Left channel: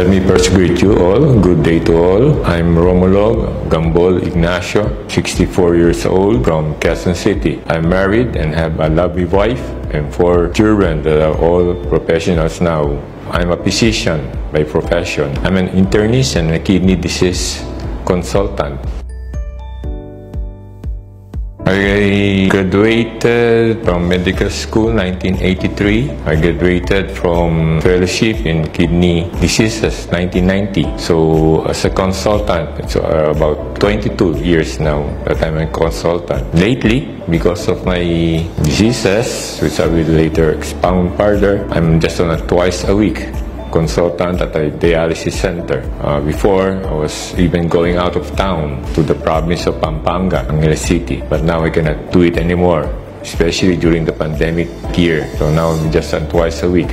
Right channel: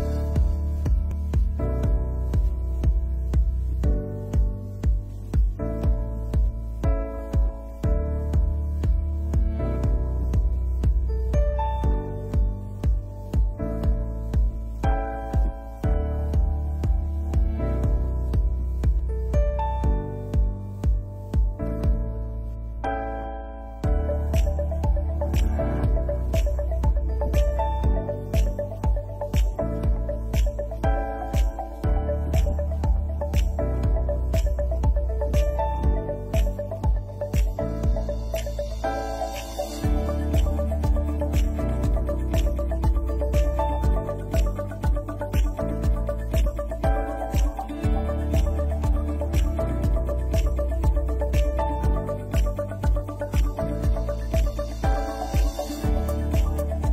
Let me first greet you all. Good day to all. I'm Romulo Gambol Ignacio, 64 years old from Quezon City. I'm married and have a lovely wife and 4 children that are all professionals now. I'm a physician by profession. I'm an internist and a kidney disease consultant. I graduated from medical school 1983. I graduated from fellowship in kidney diseases 1990. So as a consultant, it's about 22 years now that I'm a consultant. Lately, because of my diseases, which I will later expound further, I'm just on a twice a week consultant at a dialysis center. Before, I was even going out of town to the province of Pampanga, Angeles City. But now I cannot do it anymore, especially during the pandemic year. So now I'm just on twice a week.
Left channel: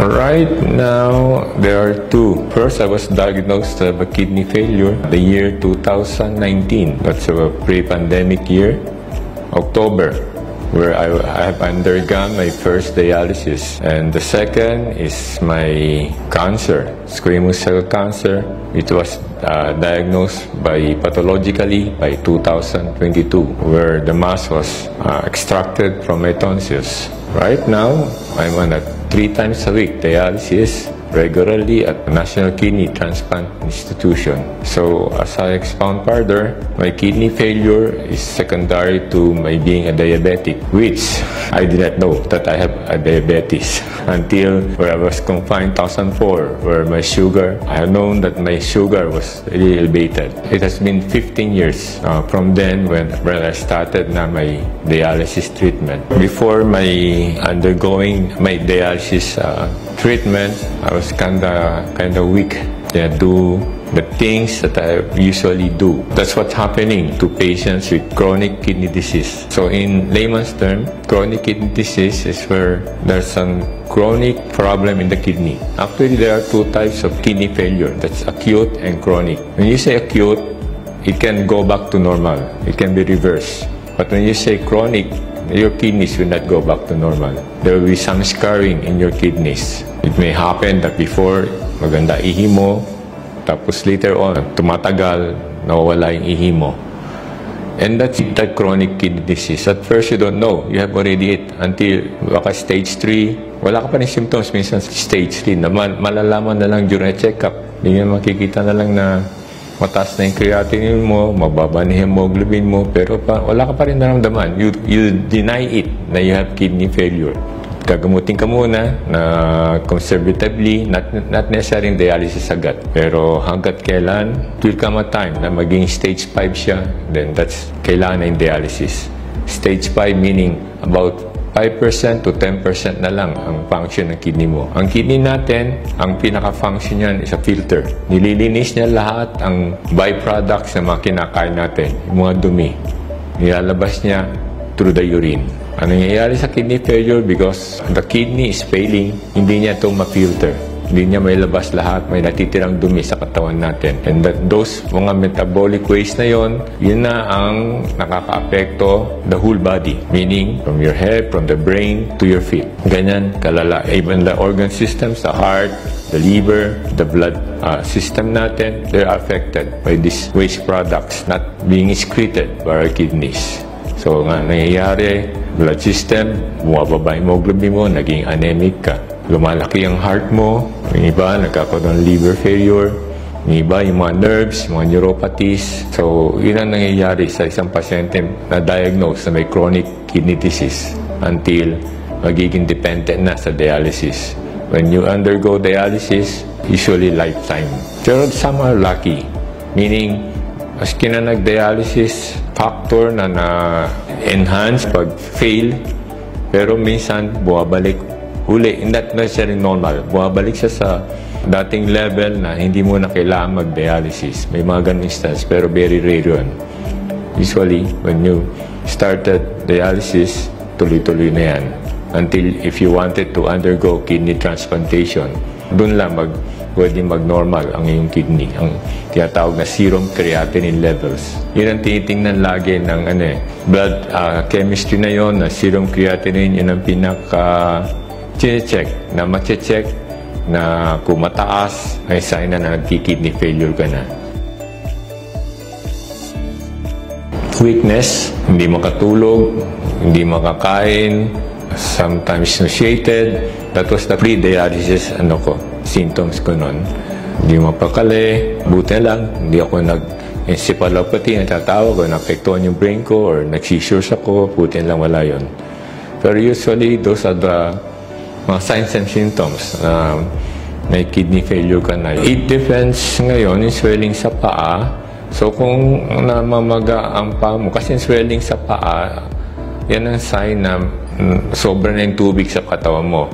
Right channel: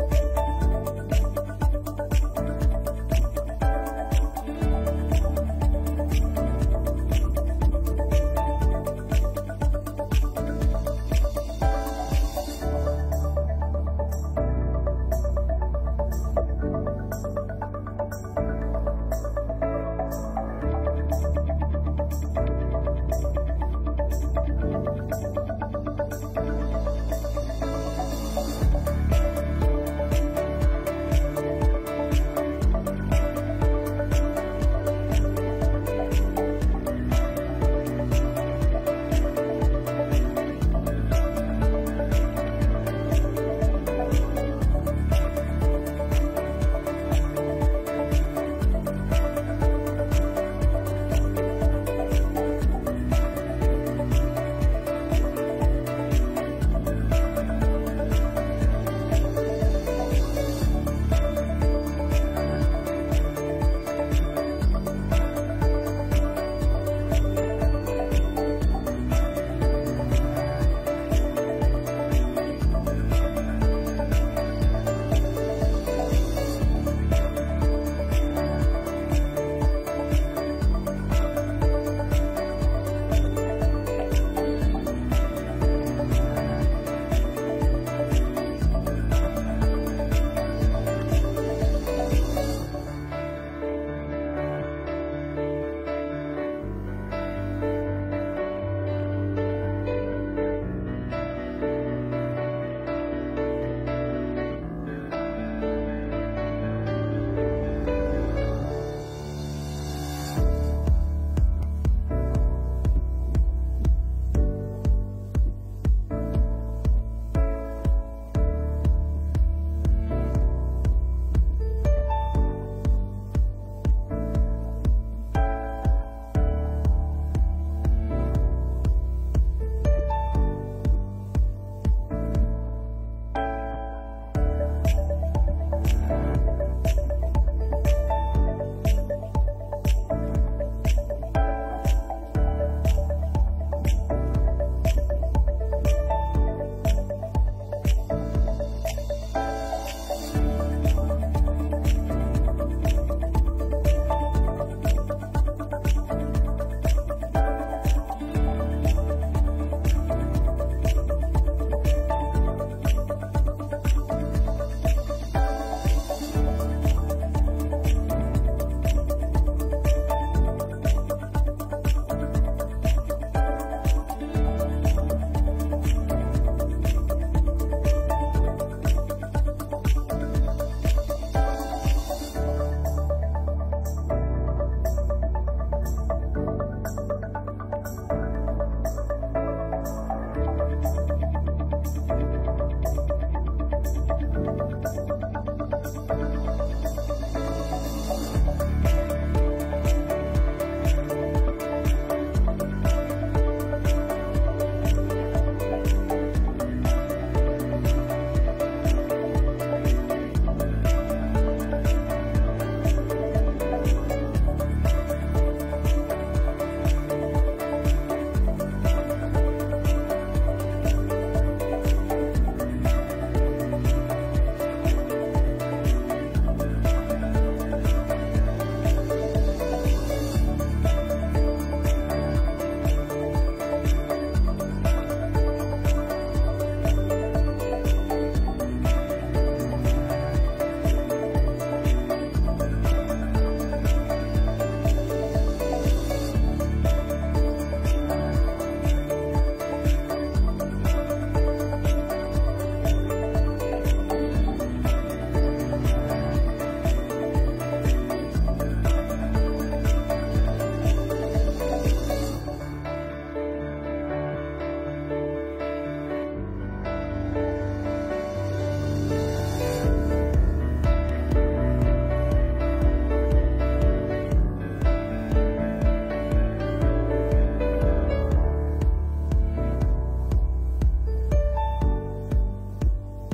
Right now, there are 2. First, I was diagnosed with a kidney failure the year 2019. That's a pre-pandemic year, October, where I have undergone my first dialysis. And the second is my cancer, squamous cell cancer. It was diagnosed pathologically by 2022, where the mass was extracted from my tonsils. Right now, I'm on a 3 times a week dialysis regularly at the National Kidney Transplant Institution. So as I expound further, my kidney failure is secondary to my being a diabetic, which I did not know that I have a diabetes until where I was confined 2004, where my sugar, I had known that my sugar was really elevated. It has been 15 years from then when I started my dialysis treatment. Before my undergoing my dialysis treatment, I was kind of weak. I do the things that I usually do. That's what's happening to patients with chronic kidney disease. So in layman's term, chronic kidney disease is where there's some chronic problem in the kidney. Actually, there are 2 types of kidney failure. That's acute and chronic. When you say acute, it can go back to normal. It can be reversed. But when you say chronic, your kidneys will not go back to normal. There will be some scarring in your kidneys. It may happen that before, maganda ihi mo, tapos later on, tumatagal, nawawala yung ihi mo. And that's that chronic kidney disease. At first, you don't know. You have already it until baka stage 3. Wala ka pa rin symptoms. Minsan stage 3 naman. Malalaman na lang during a check-up. Hindi nga makikita na lang na mataas na yung creatinine mo, mababa na yung hemoglobin mo, pero wala ka pa rin naramdaman. You deny it na you have kidney failure. Gagamutin ka muna na conservatively, not necessarily dialysis agad. Pero hanggat kailan, will come a time na maging stage 5 siya, then that's kailangan na yung dialysis. Stage 5 meaning about 5% to 10% na lang ang function ng kidney mo. Ang kidney natin, ang pinaka-function niyan is a filter. Nililinis niya lahat ang byproducts na mga kinakain natin, yung mga dumi. Nilalabas niya through the urine. Ano nangyayari sa kidney failure? Because the kidney is failing, hindi niya ito ma-filter. Hindi niya may labas lahat, may natitirang dumi sa katawan natin. And that those mga metabolic waste na yon, yun na ang nakaka-apekto the whole body. Meaning, from your head, from the brain, to your feet. Ganyan, kalala. Even the organ systems, the heart, the liver, the blood system natin, they're affected by these waste products not being excreted by our kidneys. So, nga nangyayari, blood system, bumababa yung hemoglobin mo, naging anemic ka. Lumalaki ang heart mo, yung iba nagkakaroon ng liver failure, yung iba yung mga nerves, mga neuropathies. So, yun ang nangyayari sa isang pasyente na diagnosed na may chronic kidney disease until magiging dependent na sa dialysis. When you undergo dialysis, usually lifetime. Pero some are lucky, meaning maski na nag-dialysis, factor na na-enhance pag fail, pero minsan buwabalik uli, not necessarily normal. Bumabalik siya sa dating level na hindi mo na kailangan mag-dialysis. May mga ganun instance, pero very rare yun. Usually, when you started dialysis, tuloy-tuloy na yan. Until if you wanted to undergo kidney transplantation, doon lang pwede mag-normal ang iyong kidney. Ang tinatawag na serum creatinine levels. Yun ang tinitingnan lagi ng blood chemistry na yon, na serum creatinine, yun ang pinaka-check na ma-check na kung mataas, ay sign na nagki-kidney failure ka na. Weakness, hindi makatulog, hindi makakain, sometimes nauseated. That was the pre-dialysis symptoms ko noon. Hindi mapakali, buti lang, hindi ako encephalopathy, natatawag o naapektuhan yung brain ko or nag-seizures ako, buti lang wala yun. Pero usually, those are the mga signs and symptoms. May kidney failure ka na. It depends ngayon yung swelling sa paa. So kung namamaga ang paa mo, kasi swelling sa paa, yan ang sign na sobra na yung tubig sa katawan mo.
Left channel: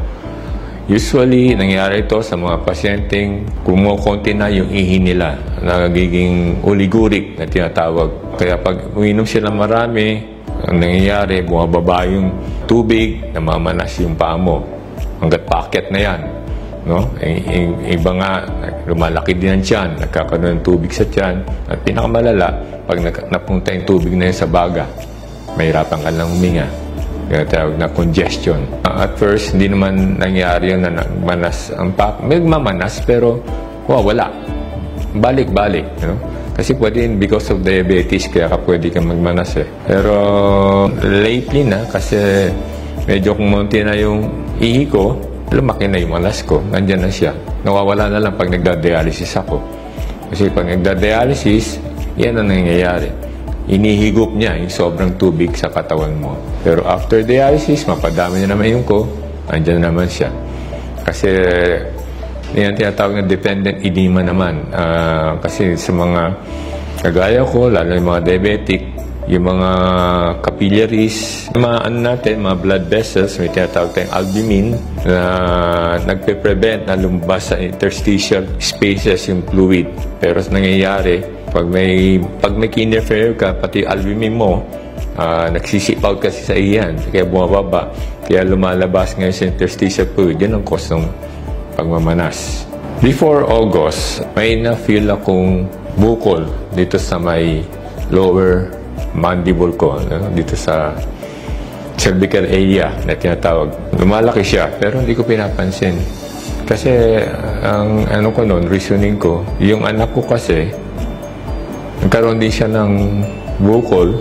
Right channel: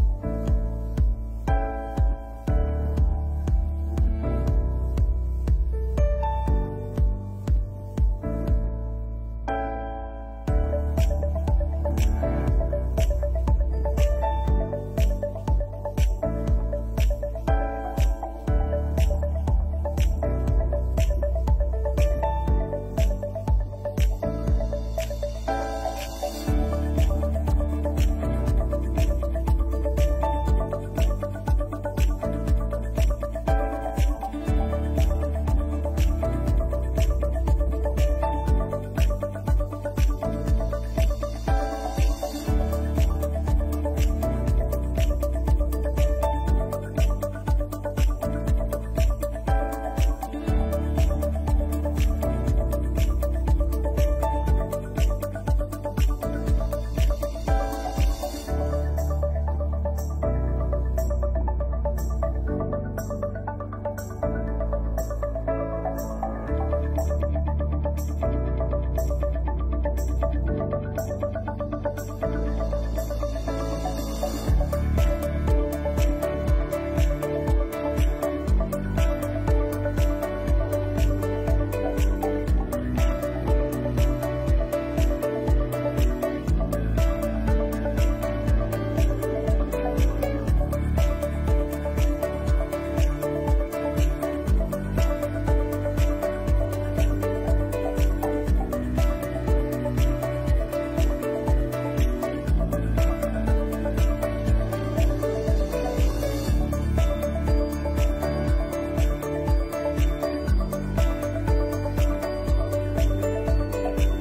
Usually, nangyayari ito sa mga pasyenteng kumukonti na yung ihi nila, nagiging oligurik na tinatawag. Kaya pag uminom sila marami, ang nangyayari, bumababa yung tubig, namamanas yung paa mo. Hanggat packet na yan. No? Iba nga, lumalaki din ang tiyan, nagkakaroon ng tubig sa tiyan. At pinakamalala, pag napunta yung tubig na yun sa baga, mahirapan ka lang huminga. Kaya tawag na congestion. At first, hindi naman nangyari yun na nagmanas ang paa. May mamanas, pero wala. Balik-balik. You know? Kasi pwede because of diabetes, kaya ka pwede kang magmanas eh. Pero lately na, kasi medyo kumunti na yung ihi ko, lumaki na yung malas ko. Nandiyan na siya. Nawawala na lang pag nagda-dialysis ako. Kasi pag nagda-dialysis, yan ang nangyayari. Inihigop niya yung sobrang tubig sa katawan mo. Pero after dialysis, mapadami na naman yung ko, nandiyan na naman siya. Kasi yan tinatawag na dependent edema naman. Kasi sa mga kagaya ko, lalo yung mga diabetic, yung mga capillaries, mga blood vessels, may tinatawag tayong albumin na nagpe-prevent na lumabas sa interstitial spaces yung fluid. Pero nangyayari, pag may interfere ka, pati albumin mo, nagsisip-out kasi sa iyan, kaya bumababa, kaya lumalabas ngayon sa interstitial fluid. Yan ang cause ng pagmamanas. Before August, may na-feel akong bukol dito sa may lower mandible ko, dito sa cervical area na tinatawag. Lumalaki siya, pero hindi ko pinapansin. Kasi ang reasoning ko, yung anak ko kasi, nagkaroon din siya ng bukol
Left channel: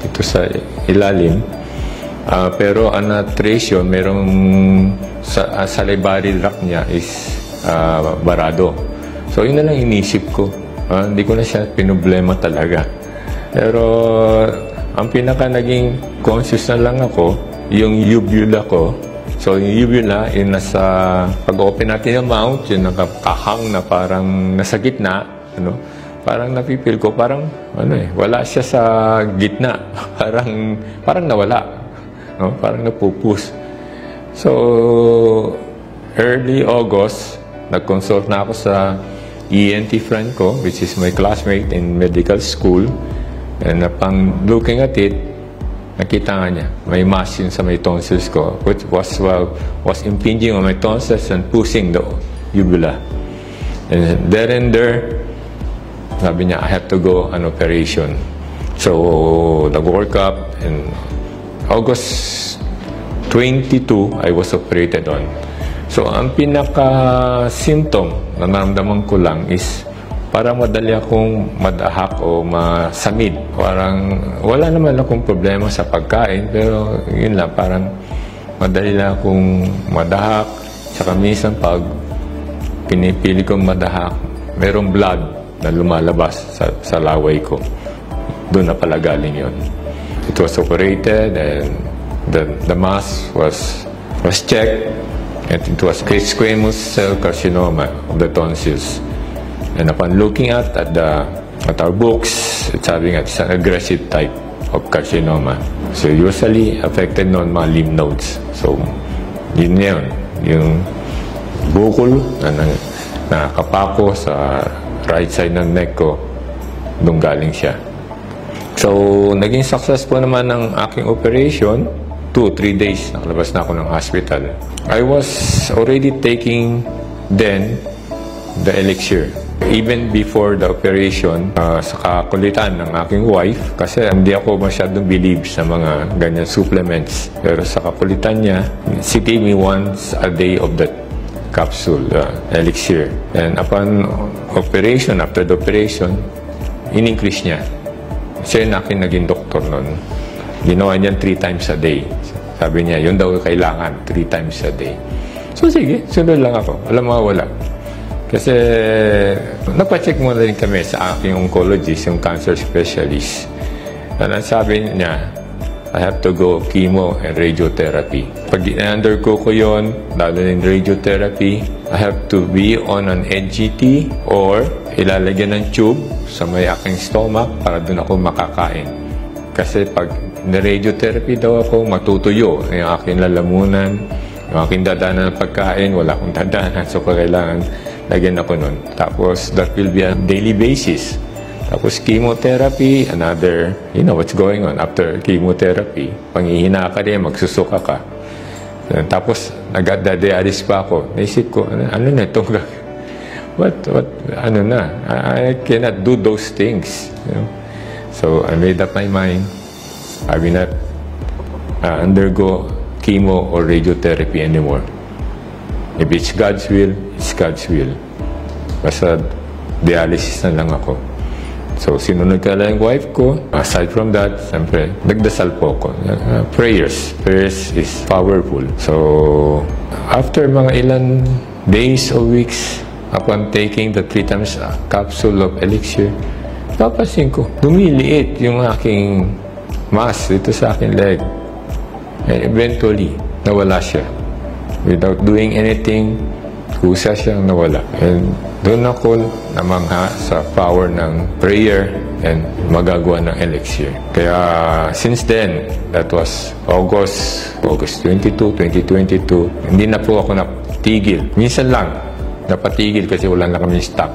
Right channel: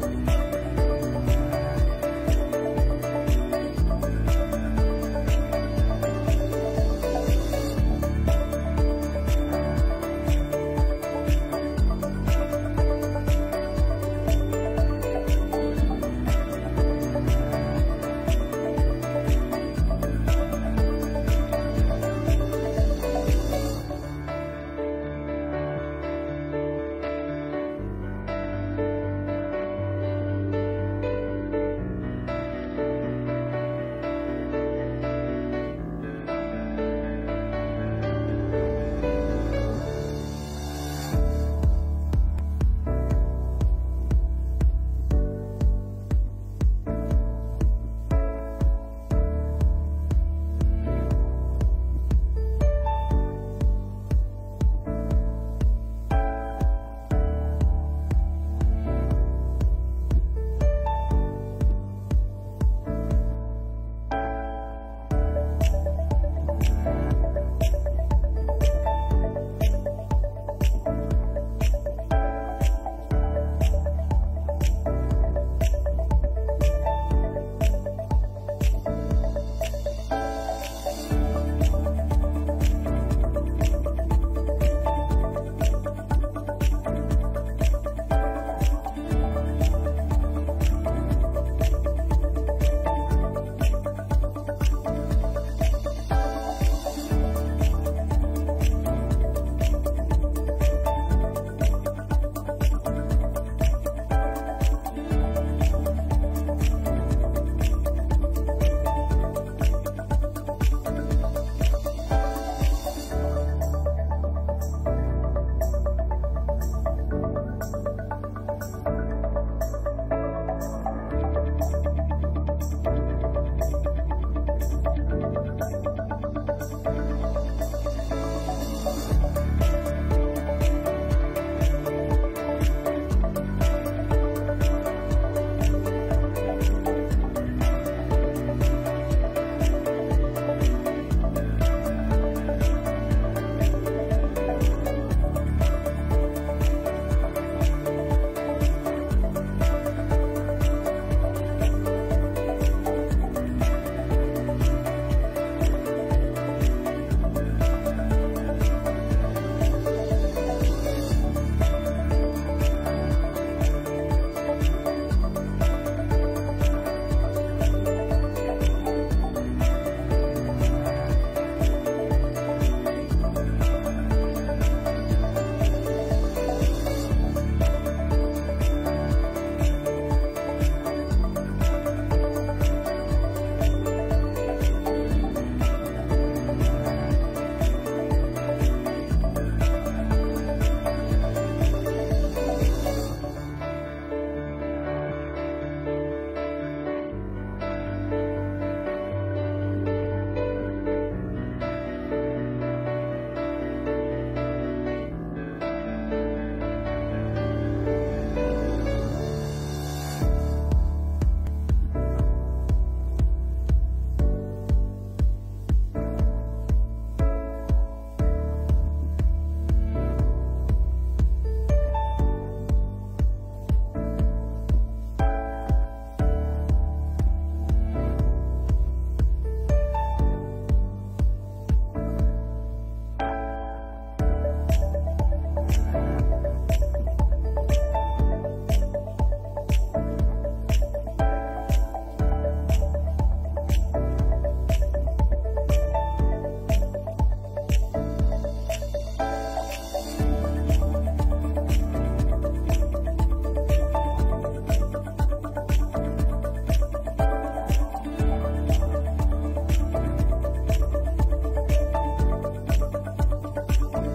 dito sa ilalim. Pero ang na-trace yun, merong salivary tract niya is barado. So yun na lang inisip ko. Hindi ko na siya pinoblema talaga. Pero ang pinaka naging conscious na lang ako, yung uvula ko. So yung uvula, yung nasa, pag-open natin yung mouth, yung nakakahang na parang nasa gitna, parang napipil ko, parang wala siya sa gitna. parang nawala. Parang napupus. So, early August, nag-consult na ako sa ENT friend ko, which is my classmate in medical school. And upon looking at it, nakita nga niya, may mass yun sa may tonsils ko, which was impinging on my tonsils and pushing the uvula. And there, sabi niya, I have to go on operation. So, nag-work up, and August 22, I was operated on. So, ang pinaka-symptom na naramdaman ko lang is parang madali akong madahak o masamid. Parang wala naman akong problema sa pagkain, pero yun lang, parang madali lang akong madahak. Saka minsan pag pinipili kong madahak, merong blood na lumalabas sa laway ko. Doon na pala galing yun. It was operated and the mass was checked, and it was squamous cell carcinoma of the tonsils. And upon looking at our books, it's having it's an aggressive type of carcinoma. So usually affected non mga lymph nodes. So yun yung bukol na nakapako sa right side ng neck ko, doon galing siya. So naging successful naman ang aking operation. 2-3 days, nakalabas na ako ng hospital. I was already taking then the elixir. Even before the operation, sa kakulitan ng aking wife, kasi hindi ako masyadong believe sa mga ganyan supplements. Pero sa kakulitan niya, she gave me once a day of that capsule, elixir. And upon operation, after the operation, in-increase niya. Siya yung akin naging doktor noon. Ginawa niya 3 times a day. Sabi niya, yun daw kailangan, 3 times a day. So sige, sunod lang ako. Walang mawala. Kasi napacheck muna rin kami sa aking oncologist, yung cancer specialist. And sabi niya, I have to go chemo and radiotherapy. Pag i-undergo ko yun, lalo in radiotherapy, I have to be on an NGT or ilalagyan ng tube sa may aking stomach para doon ako makakain. Kasi pag na-radiotherapy daw ako, matutuyo yung aking lalamunan, yung aking dadanan ng pagkain, wala akong dadanan. So, kailangan lagyan ako nun. Tapos, that will be on daily basis. Tapos, chemotherapy, another, you know what's going on after chemotherapy. Panghihina ka rin, magsusuka ka. Tapos, nag-dialysis pa ako. Naisip ko, ano na itong ano na, I cannot do those things. You know? So, I made up my mind. I will not undergo chemo or radiotherapy anymore. If it's God's will, it's God's will. Basta dialysis na lang ako. So, sinunod ka lang yung wife ko. Aside from that, siyempre, nagdasal po ako. Prayers. Prayers is powerful. So, after mga ilan days or weeks, upon taking the 3 times capsule of elixir, napapansin ko, lumiliit yung aking mass dito sa aking leg. And eventually, nawala siya. Without doing anything, kusa siyang nawala. And doon ako namangha sa power ng prayer and magagawa ng elixir. Kaya since then, that was August 22, 2022, hindi na po ako napatigil. Minsan lang, napatigil kasi wala na kami stock.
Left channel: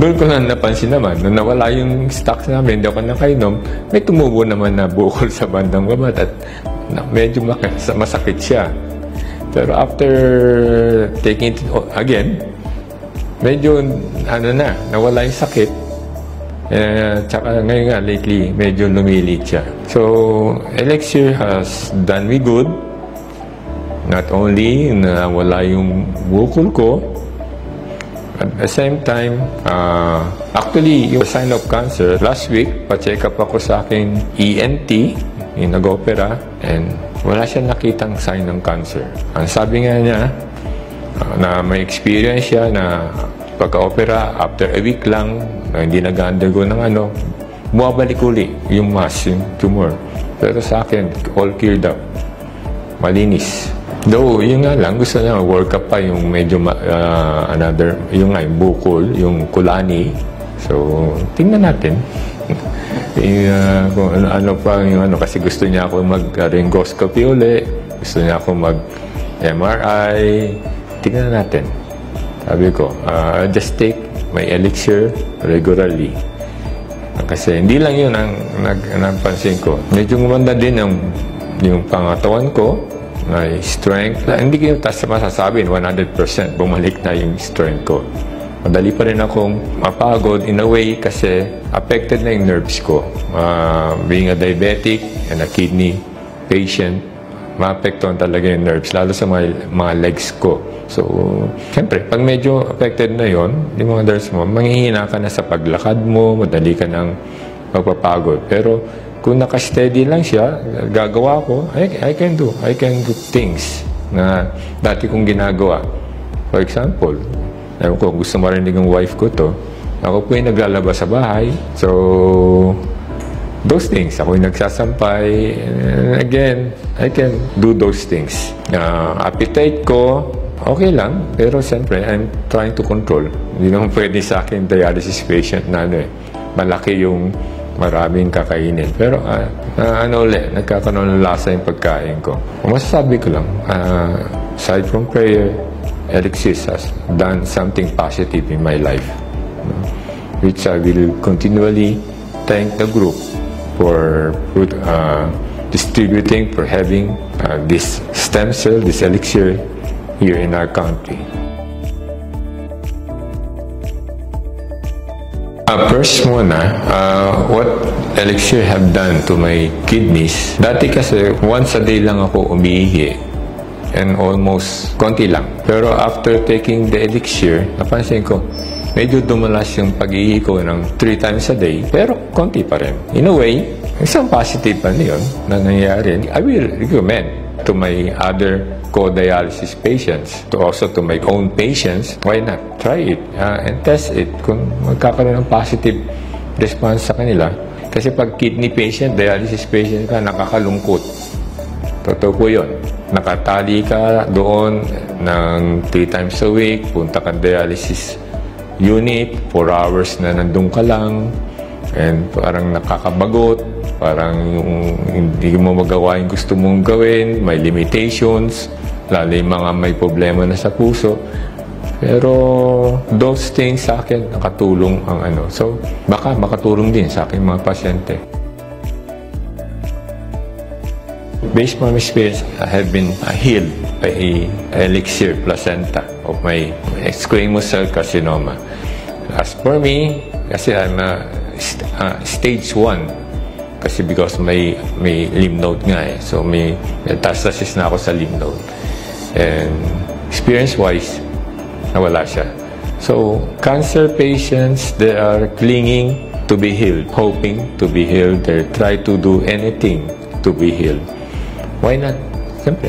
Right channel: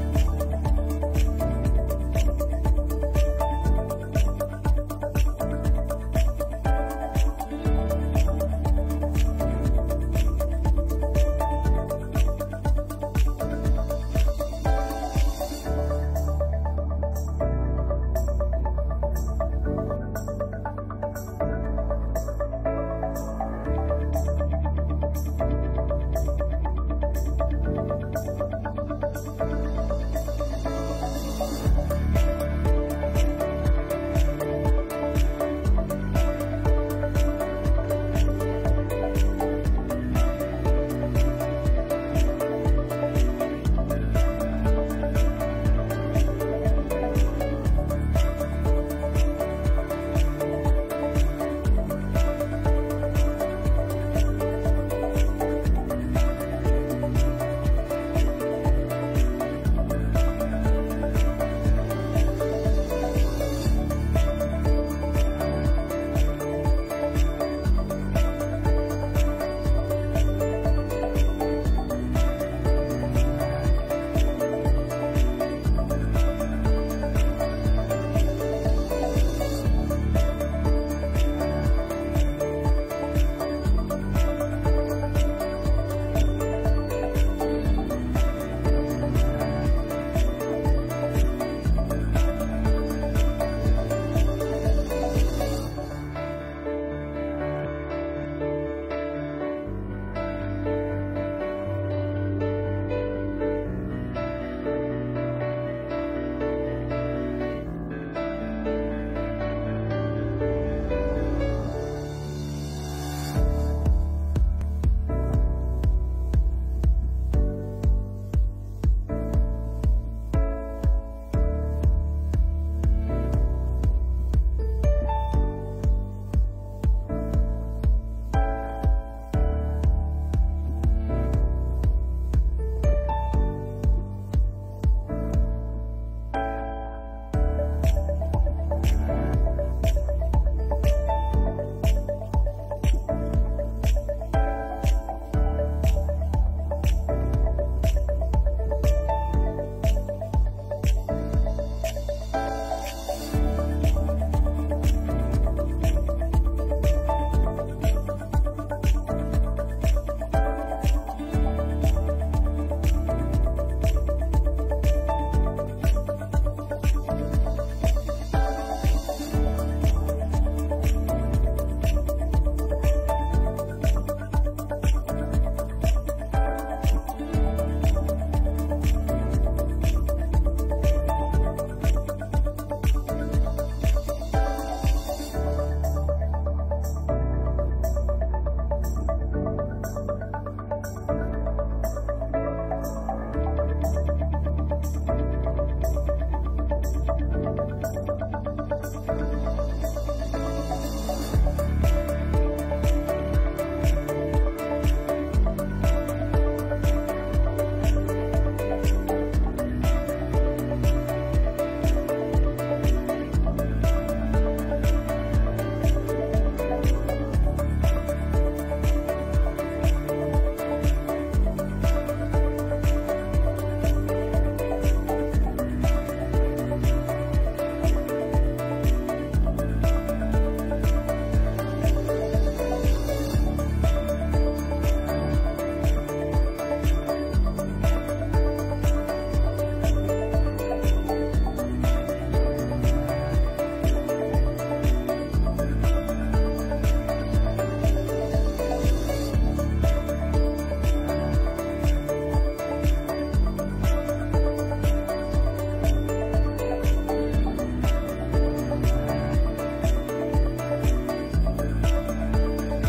Doon ko na napansin naman, nung nawala yung stocks namin, hindi ako nakainom, may tumubo naman na bukol sa bandang baba at medyo masakit siya. Pero after taking it again, medyo nawala yung sakit. Tsaka ngayon nga, lately, medyo lumilit siya. So, elixir has done me good. Not only na wala yung bukol ko, at the same time, actually, yung sign of cancer, last week, pa-check up ako sa aking ENT, yung nag-opera, and wala siya nakitang sign ng cancer. Ang sabi nga niya, na may experience siya na pagka-opera, after a week lang, na hindi nag-undergo ng bumabalik uli yung mass, yung tumor. Pero sa akin, all cleared up. Malinis. Though, yun nga lang, gusto niya work up pa yung medyo yung bukol, yung kulani. So, tingnan natin. Kung ano pa yung kasi gusto niya ako mag-laryngoscopy uli, gusto niya ako mag-MRI. Tingnan natin. Sabi ko, just take my elixir regularly. Kasi hindi lang yun ang napansin ko. Medyo gumanda din yung pangatawan ko. May strength. Hindi ko masasabi 100% bumalik na yung strength ko. Madali pa rin akong mapagod in a way kasi affected na yung nerves ko. Being a diabetic and a kidney patient, maapektuhan talaga yung nerves, lalo sa mga legs ko. So, siyempre, pag medyo affected na yon, yung mga nerves mo, manghihina ka na sa paglakad mo, madali ka ng magpapagod. Pero, kung naka-steady lang siya, gagawa ko, I can do things na dati kong ginagawa. For example, gusto marinig ng wife ko to, ako po yung naglalabas sa bahay. So, those things, ako yung nagsasampay. And again, I can do those things. Appetite ko, okay lang. Pero siyempre, I'm trying to control. Hindi naman pwede sa akin dialysis patient na malaki yung maraming kakainin. Pero nagkakaroon ng lasa yung pagkain ko. Masasabi ko lang, aside from prayer, elixir has done something positive in my life, which I will continually thank the group for distributing, for having this stem cell, this elixir here in our country. First muna, what elixir have done to my kidneys. Dati kasi, once a day lang ako umiihi. and almost konti lang. Pero after taking the elixir, napansin ko, medyo dumalas yung pag-ihi ko ng 3 times a day, pero konti pa rin. In a way, isang positive pa yun na nangyayari. I will recommend to my other co-dialysis patients, also to my own patients, why not? Try it and test it kung magkakaroon ng positive response sa kanila. Kasi pag kidney patient, dialysis patient ka, nakakalungkot. Totoo po yun. Nakatali ka doon ng 3 times a week, punta ka dialysis unit, 4 hours na nandun ka lang, and parang nakakabagot, parang hindi mo magawa yung gusto mong gawin, may limitations, lalo yung mga may problema na sa puso. Pero those things sa akin nakatulong ang ano. So baka makatulong din sa aking mga pasyente. Based on my experience, I have been healed by elixir placenta of my squamous cell carcinoma. As for me, kasi I'm stage 1. Kasi because may lymph node nga eh. So may metastasis na ako sa lymph node. And experience-wise, nawala siya. So cancer patients, they are clinging to be healed, hoping to be healed. They try to do anything to be healed. Why not?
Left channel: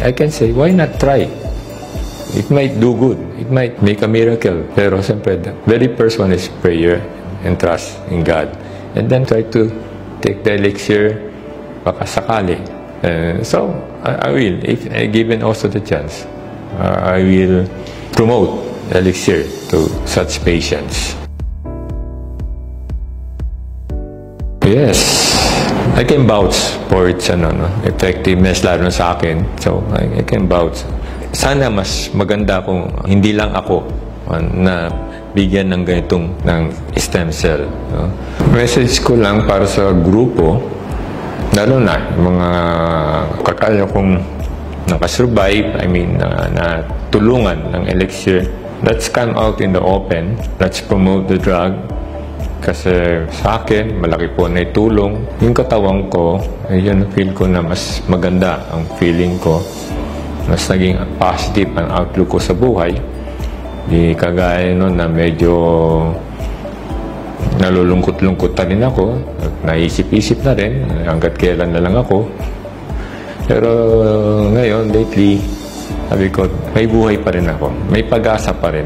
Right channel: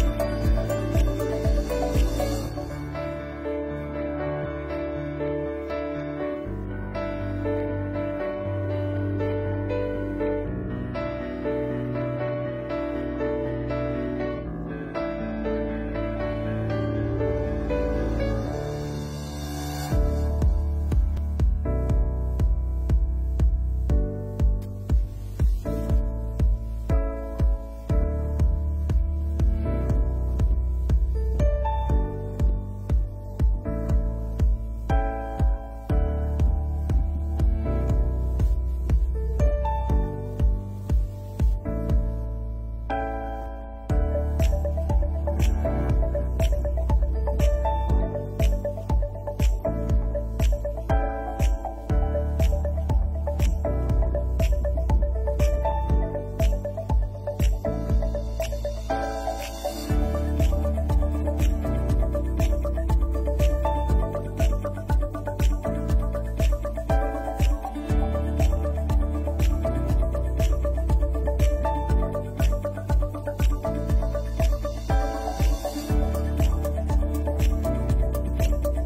I can say, why not try? It might do good. It might make a miracle. Pero siyempre, the very first one is prayer and trust in God. And then try to take the elixir baka sakali. So, I will, if given also the chance, I will promote elixir to such patients. Yes. I can vouch for its effectiveness lalo na sa akin. So, I can vouch. Sana mas maganda kung hindi lang ako na bigyan ng ganitong ng stem cell. No? Message ko lang para sa grupo, lalo na yung mga kakaya kong nakasurvive, I mean, na tulungan ng elixir. Let's come out in the open. Let's promote the drug. Kasi sa akin, malaki po na itulong. Yung katawan ko, yun feel ko na mas maganda ang feeling ko. Mas naging positive ang outlook ko sa buhay. Di kagaya nun na medyo nalulungkot-lungkot na rin ako. Naisip-isip na rin hanggat kailan na lang ako. Pero ngayon, lately, sabi ko, may buhay pa rin ako. May pag-asa pa rin.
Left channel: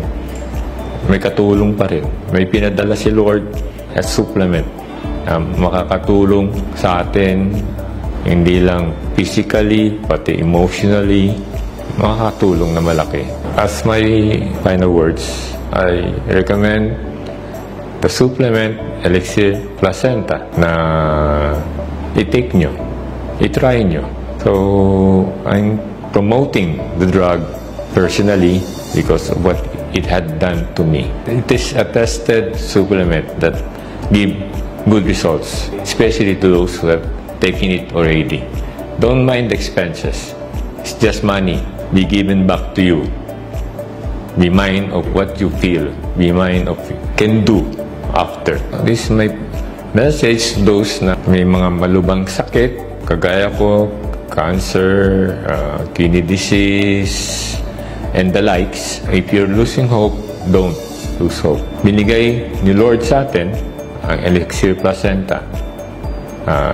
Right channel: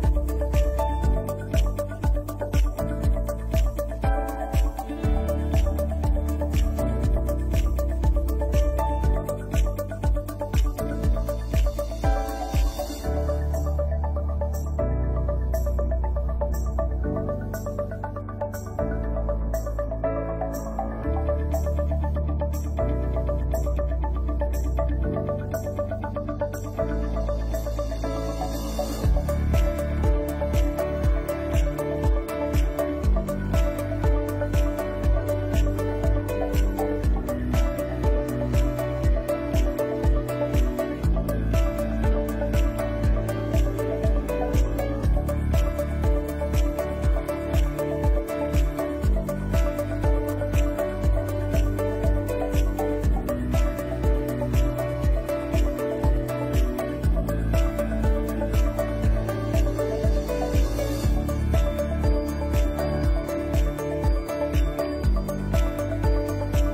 May katulong pa rin. May pinadala si Lord as supplement. Makakatulong sa atin, hindi lang physically, pati emotionally, makakatulong na malaki. As my final words, I recommend the supplement Elixir Placenta na i-take nyo, i-try nyo. So, I'm promoting the drug personally because of what it had done to me. It is a tested supplement that give good results, especially to those who have taken it already. Don't mind the expenses. It's just money. Be given back to you. Be mind of what you feel. Be mind of can do after. This is my message to those na may mga malubhang sakit, kagaya ko, cancer, kidney disease, and the likes. If you're losing hope, don't lose hope. Binigay ni Lord sa atin ang Elixir Placenta.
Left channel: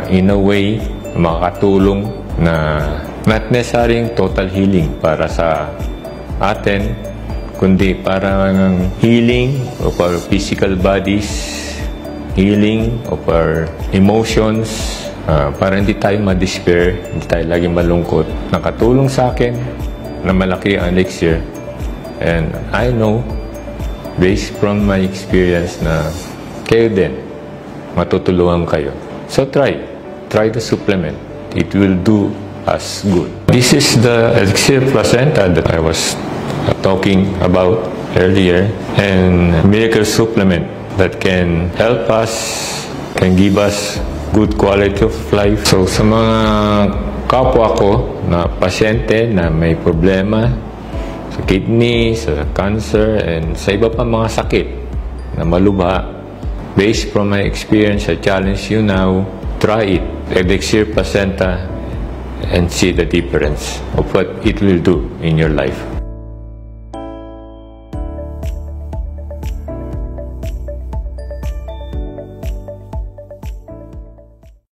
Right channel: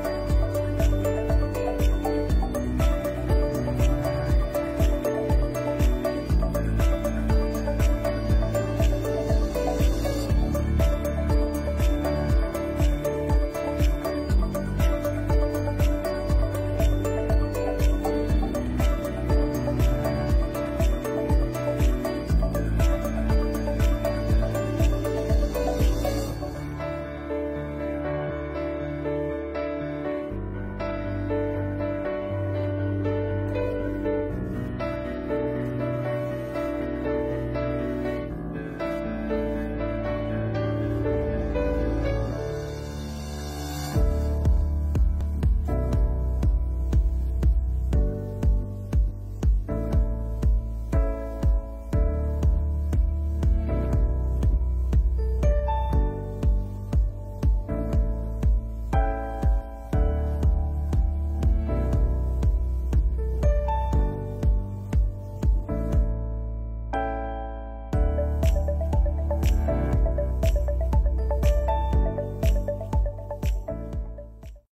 In a way, makakatulong na not necessarily total healing para sa atin, kundi parang healing of our physical bodies, healing of our emotions, para hindi tayo ma-despair, hindi tayo laging malungkot. Nakatulong sa akin na malaki ang elixir. And I know, based from my experience, na kayo din, matutulungan kayo. So try the supplement. It will do us good. This is the Elixir Placenta that I was talking about earlier, and miracle supplement that can help us, can give us good quality of life. So sa mga kapwa ko na pasyente na may problema sa kidney, sa cancer, and sa iba pa mga sakit na malubha, based from my experience, I challenge you now, try it. Elixir Placenta and see the difference of what it will do in your life.